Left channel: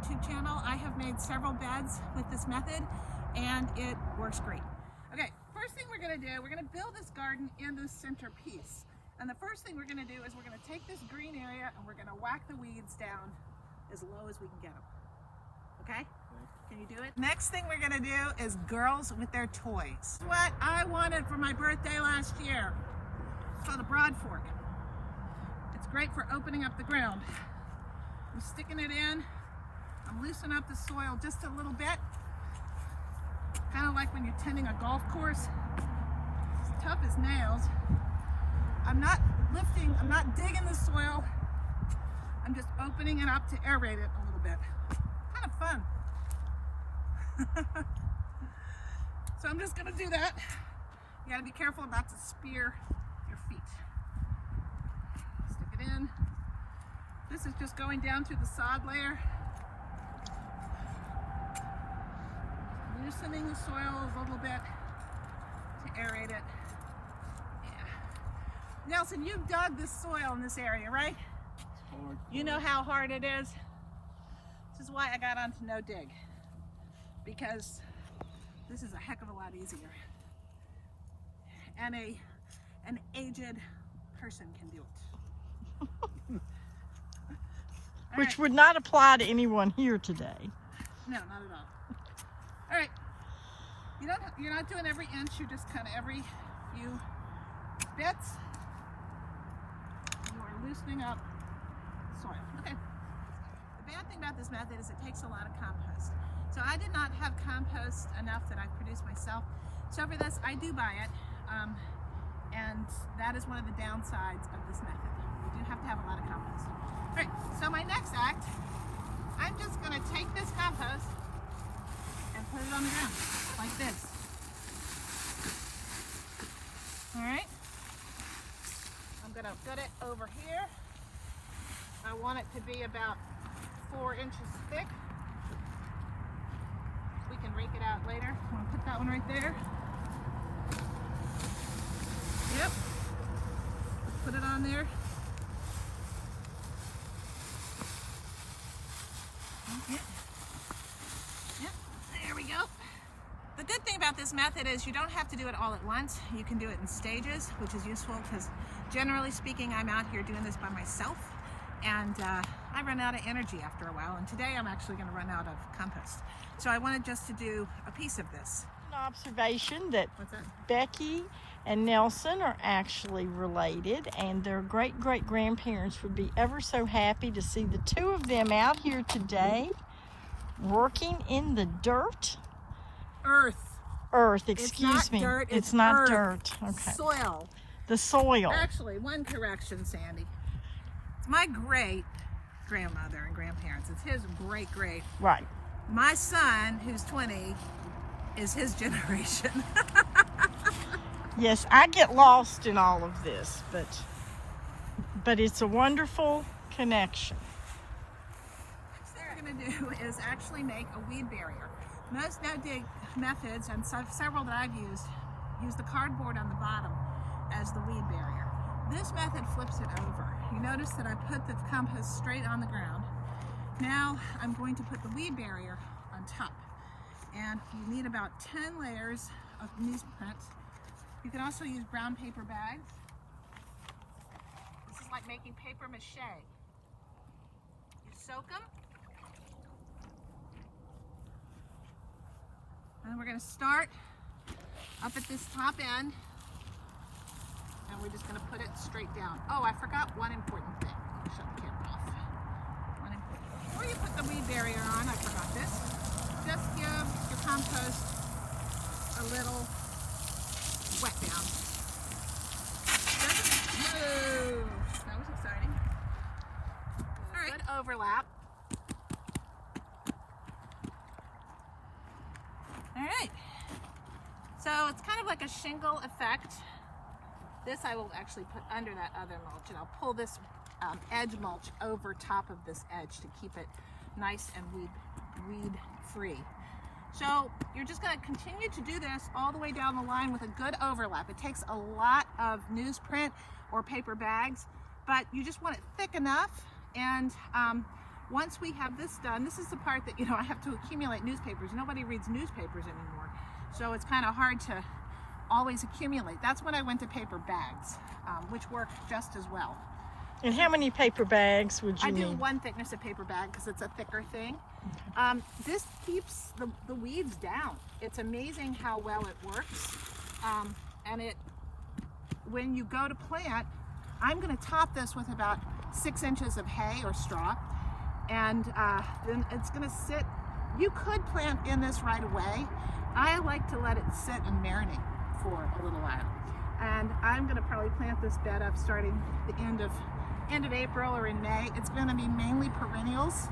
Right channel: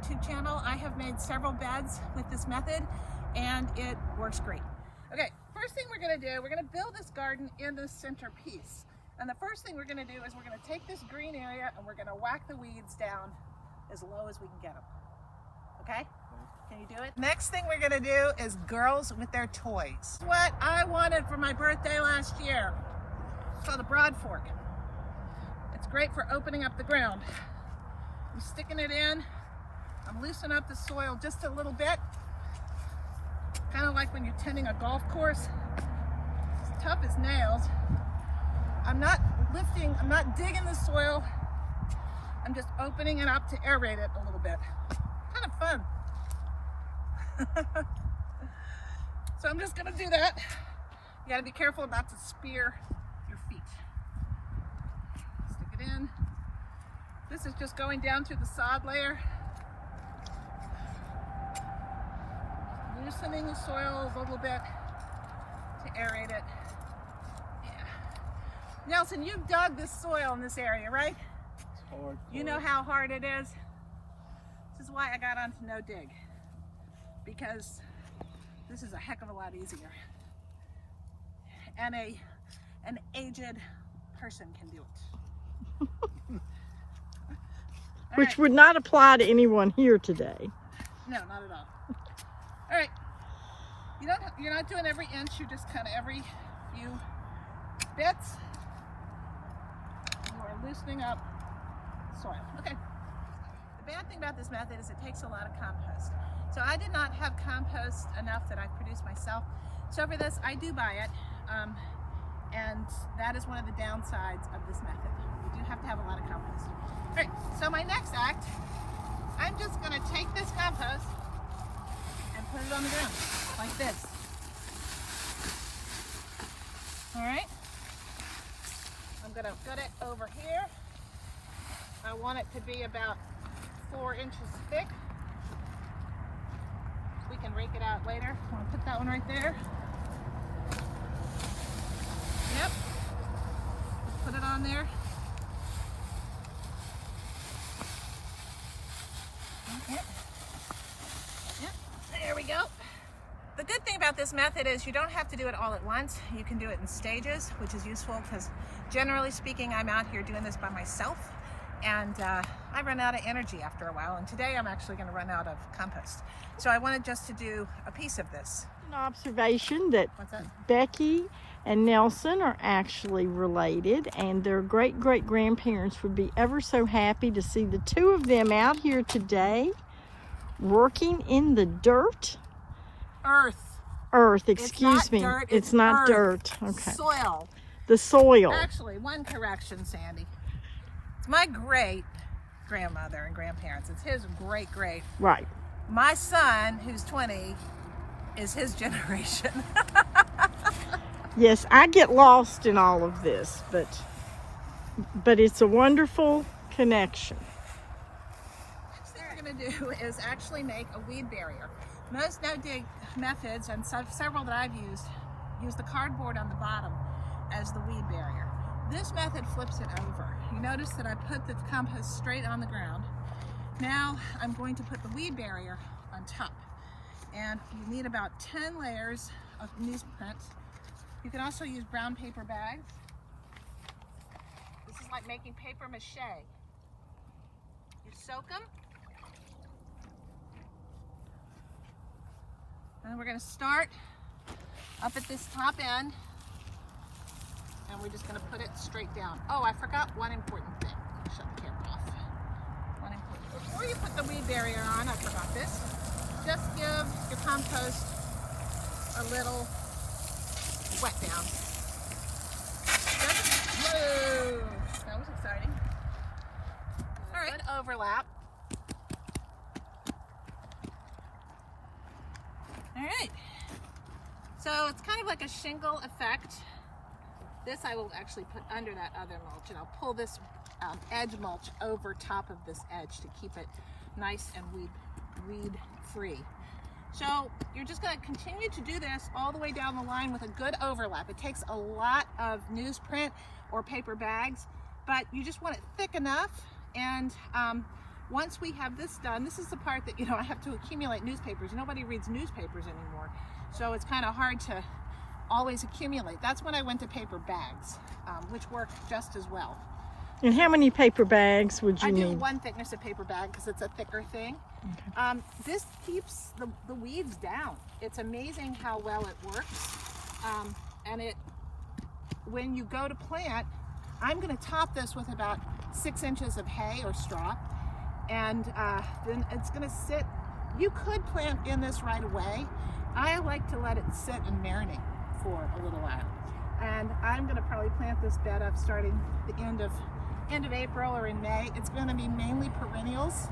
YouTube channel. I have made several beds with this method and it works great. Okay, first thing we're gonna do, we're gonna build this garden in the centerpiece. And the first thing we're gonna do is we're gonna take this green area and we're gonna whack the weeds down as low as we can get them. Okay? Can you do it? Next thing we're gonna do is girls with their toys. What I wanted for my birthday last year. It's called a broad fork. It's great for opening up the ground. I'm sticking it in. I'm loosening up the soil just a little bit. Kind of like when you're tending a golf course. It's tough as nails. I'm not lifting, I'm not digging the soil. I'm just opening it up to aerate it a little bit. Kind of fun. So I'm just gonna do that. You gotta be careful not to spear your feet. Stick it in. This is just going down through the sod layer. Loosening the soil a little bit to aerate it. Yeah. Nelson, you've dug this soil in this area, right? It's hard. You know how hard it is? This is why I got onto no dig. Because this is a heck of a lot easier. And an aged person can do it. Which would not apply to anyone here today. No, not at all. All right. You're not doing every inch, you're just kind of every few bits. You are loosening up the soil. Okay. The bad thing about this method is it takes a lot of compost. So I did not have compost enough that I produced myself. So for this, I do buy it. And that is one of the downsides of this method. You do have to have a lot of compost. All right, so my next act, I'm just gonna take this compost and put it on the ground, like this. All right, I'm gonna put it over here. I want it to be about 4 inches thick. We can rake it out later. I'm gonna put that one right there. Yep, put it on there. Yep. Yep, there we go. The good thing about this method is you don't have to do it all at once. You can do it in stages, which is useful because generally speaking, I'm out here doing this by myself and I run out of energy after a while. And today I'm actually gonna run out of compost. So I wanted just to do a piece of this. An observation that What's that? Becky and Nelson are actually related, and their great-great-grandparents would be ever so happy to see the two of them out here today working in the dirt. Earth, excuse me. Dirt, it's not earth. Dirt. Okay. Soil. The soil. Actually, one correction, Sandy. It's my great-grandmother and grandparents. It's his great-great. Right. My son, who's 20, is his generation. Yes, I get lost in all of this, but it's a wonderful connection. Next thing we're going to do is actually make a weed barrier. Most no-dig methods, and several that I've used, use the cardboard on the bottom as the weed barrier. This method flips it over. You notice that I put the compost straight on the ground. Now I'm going to put the weed barrier on top. And you need about 10 layers of newsprint. You can also use brown paper bags. This is like making paper mache. You soak them. And we're gonna start up at this top end. And we're just gonna put it straight down. Oh, I forgot one important thing. Shut the camera off. One important. Before you put the weed barrier on, I forgot this. Just give your compost a little wet down. Whoa, that was exciting. All right, good overlap. All right, so it's kind of like a shingle effect. This I will actually put under that other mulch, and I'll pull this edge mulch over top of this edge to keep it nice and weed free. So you're just going to continue to do this all the way down the line with a good overlap. It takes a lot of newsprint or paper bags, but you just want it thick enough and once we have this done, this is the part that, you know, I have to accumulate newspapers. Nobody reads newspapers anymore. So it's kind of hard to always accumulate. That's when I went to paper bags, which work just as well. And how many paper bags would you need? I do one thickness of paper bag because it's a thicker thing. This keeps the weeds down. It's amazing how well it works. And when you go to plant, I'm going to top this with about 6 inches of hay or straw. And then it's going to sit. You could plant in this right away. I like to let it sit and marinate for a little while. And I'm going to probably plant this bed up starting the end of April or in May. It's going to be mainly perennials,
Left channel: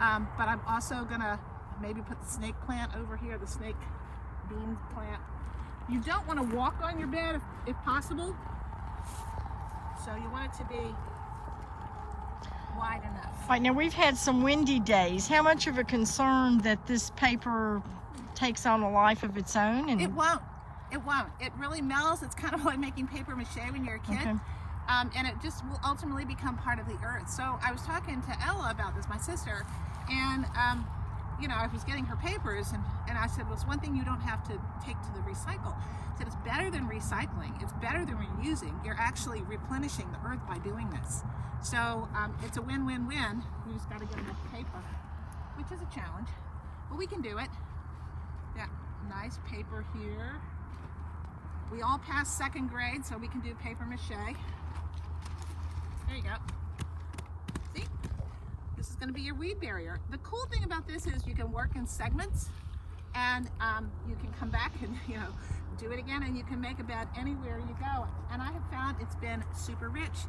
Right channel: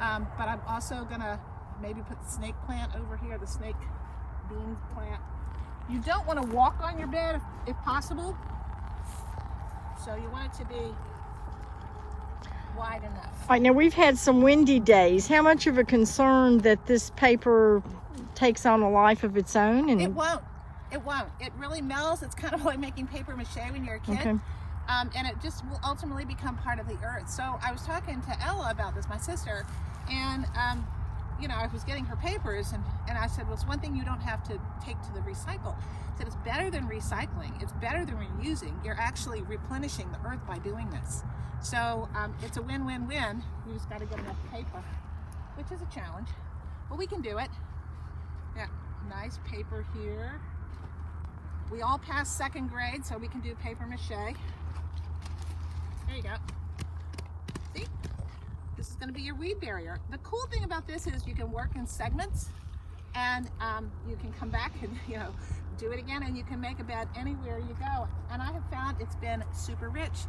but I'm also going to maybe put the snake plant over here, the snake bean plant. You don't want to walk on your bed if possible, so you want it to be wide enough. All right, now we've had some windy days. How much of a concern that this paper takes on a life of its own? And it won't. It won't. It really melts. It's kind of like making paper mache when you're a kid. Okay. And it just will ultimately become part of the earth. So I was talking to Ella about this, my sister, and you know, I was getting her papers, and I said, well, it's one thing you don't have to take to the recycle. I said, it's better than recycling. It's better than reusing. You're actually replenishing the earth by doing this. So it's a win-win-win. You just got to get enough paper, which is a challenge, but we can do it. Yeah, nice paper here. We all passed 2nd grade, so we can do paper mache. There you go. See? This is going to be your weed barrier. The cool thing about this is you can work in segments, and you can come back and, you know, do it again, and you can make a bed anywhere you go. And I have found it's been super rich.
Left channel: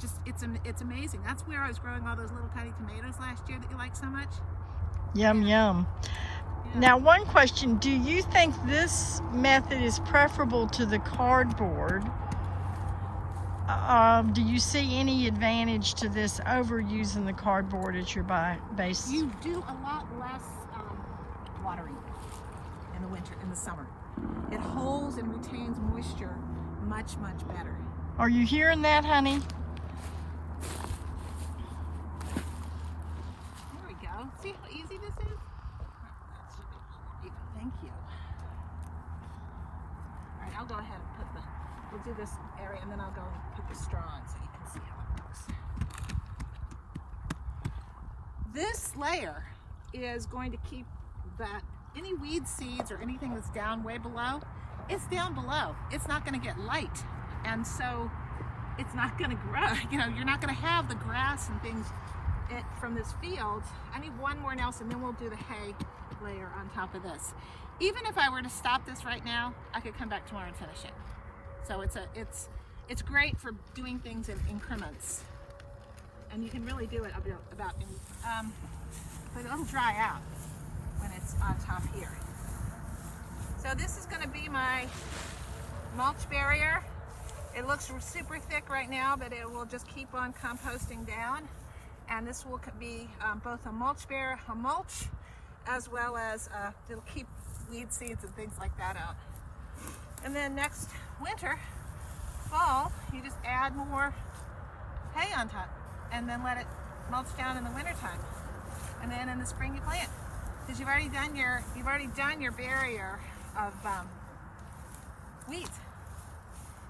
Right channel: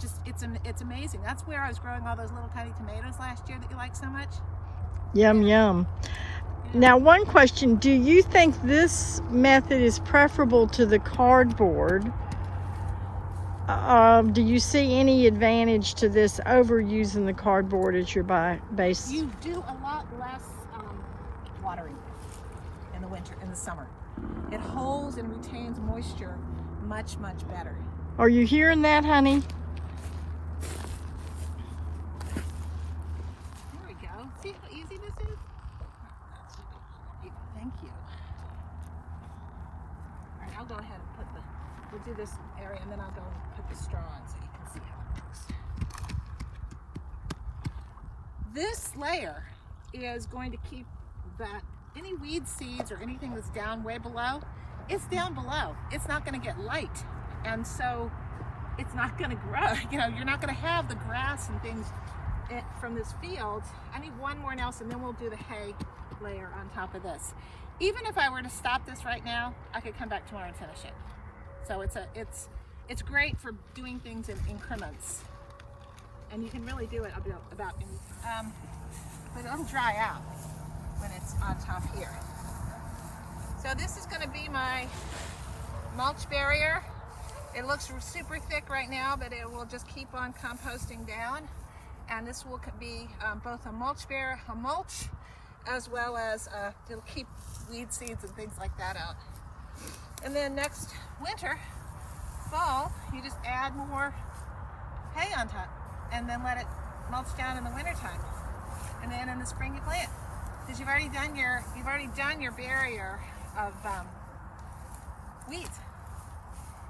Just it's amazing. That's where I was growing all those little tiny tomatoes last year that you like so much. Yum, yum. Yeah. Now, one question: do you think this method is preferable to the cardboard? Do you see any advantage to this over using the cardboard as your base? You do a lot less watering in the winter, in the summer. It holds and retains moisture much, much better. Are you hearing that, honey? There we go. See how easy this is? Thank you. All right, I'll go ahead and we'll do this area, and then I'll go put the straw on so you can see how it goes. This layer is going to keep any weed seeds or anything that's down way below, it's down below. It's not going to get light, and so it's not going to grow. You know, you're not going to have the grass and things from this field. I need one more now, and then we'll do the hay layer on top of this. Even if I were to stop this right now, I could come back tomorrow and finish it. So it's great for doing things in increments, and you can really do it about any time. But it'll dry out when it's on top here. So this is going to be my mulch barrier. It looks super thick right now, but it will just keep on composting down. And this will be both a mulch barrier, a mulch, as well as it'll keep weed seeds and things like that out. And then next winter, fall, you just add more hay on top, and then let it mulch down in the wintertime. And then in the spring you plant, because you've already done your barrier of weeds.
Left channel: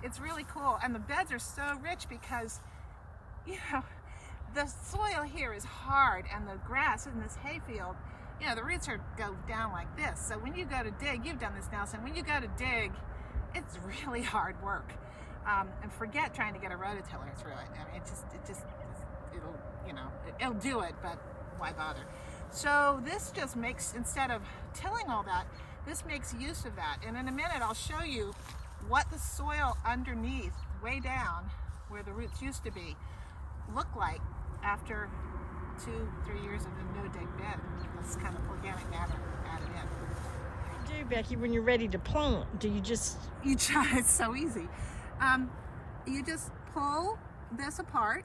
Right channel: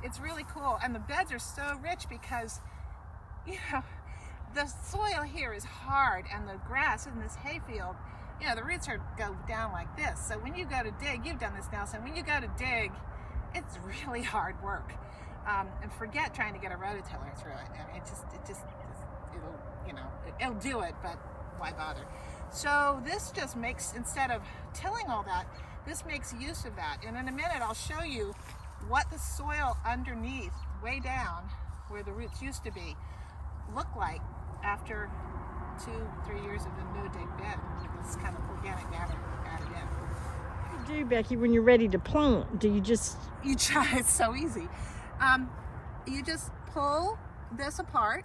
It's really cool, and the beds are so rich because, you know, the soil here is hard, and the grass in this hayfield, you know, the roots go down like this. So when you go to dig, you've done this now, so when you go to dig, it's really hard work. And forget trying to get a rototiller through it. I mean, it'll, you know, it'll do it, but why bother? So this just makes, instead of tilling all that, this makes use of that. And in a minute, I'll show you what the soil underneath, way down, where the roots used to be, look like after 2-3 years of a no-dig bed. This kind of organic matter added in. What do you do, Becky, when you're ready to plant? Do you just... You try, it's so easy. You just pull this apart,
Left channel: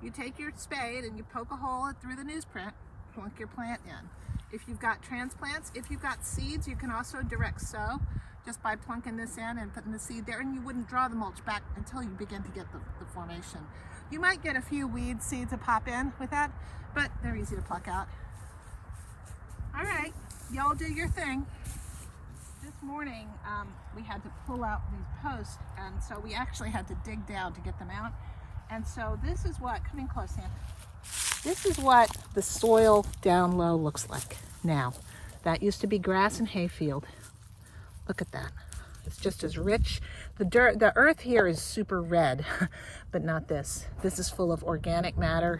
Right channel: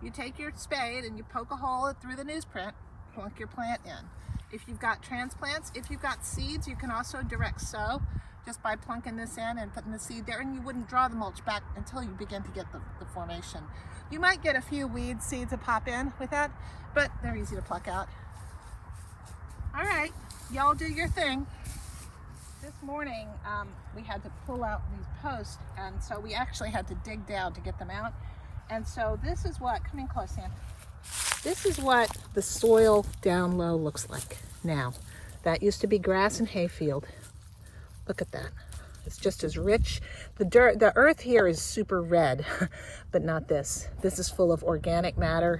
you take your spade and you poke a hole through the newsprint, plunk your plant in. If you've got transplants, if you've got seeds, you can also direct sow. just by plunking this in and putting the seed there, and you wouldn't draw the mulch back until you begin to get the formation. You might get a few weed seeds that pop in with that, but they're easy to pluck out. All right, y'all do your thing. This morning, we had to pull out these posts, and so we actually had to dig down to get them out. And so this is what, come in close, Sam. This is what the soil down low looks like now. That used to be grass and hayfield. Look at that. It's just as rich. The earth here is super red, but not this. This is full of organic matter.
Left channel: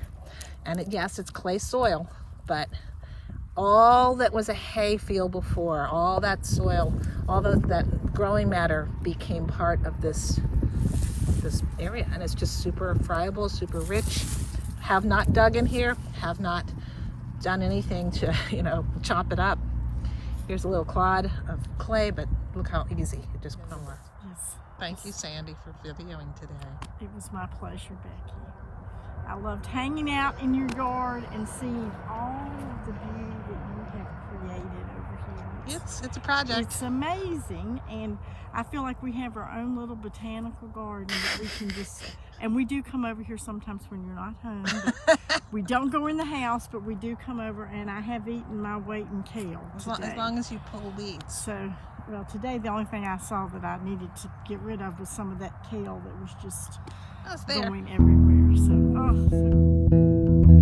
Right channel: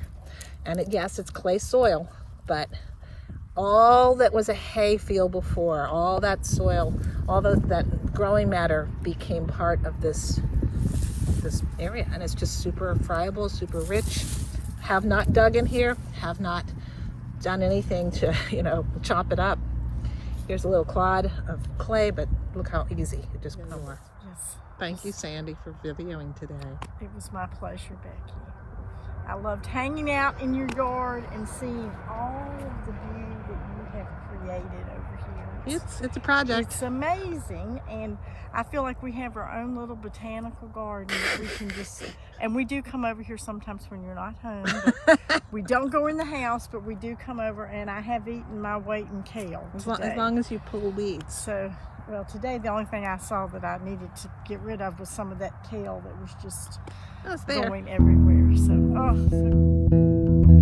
And yes, it's clay soil, but all that was a hayfield before, all that soil, all that growing matter became part of this area, and it's just super friable, super rich. Have not dug in here, have not done anything to, chop it up. Here's a little clod of clay, but look how easy it just comes. Yes. Thank you, Sandy, for videoing today. It was my pleasure, Becky. I loved hanging out in your yard and seeing all of the beauty that you have created over here. It's a project. It's amazing, and I feel like we have our own little botanical garden that we can just, and we do come over here sometimes when you're not home, but we don't go in the house, but we do come over, and I have eaten my weight in kale today. As long as you pull weeds. So, well, today the only thing I saw that I needed to get rid of was some of that kale that was just It's there. going everywhere. So, oh.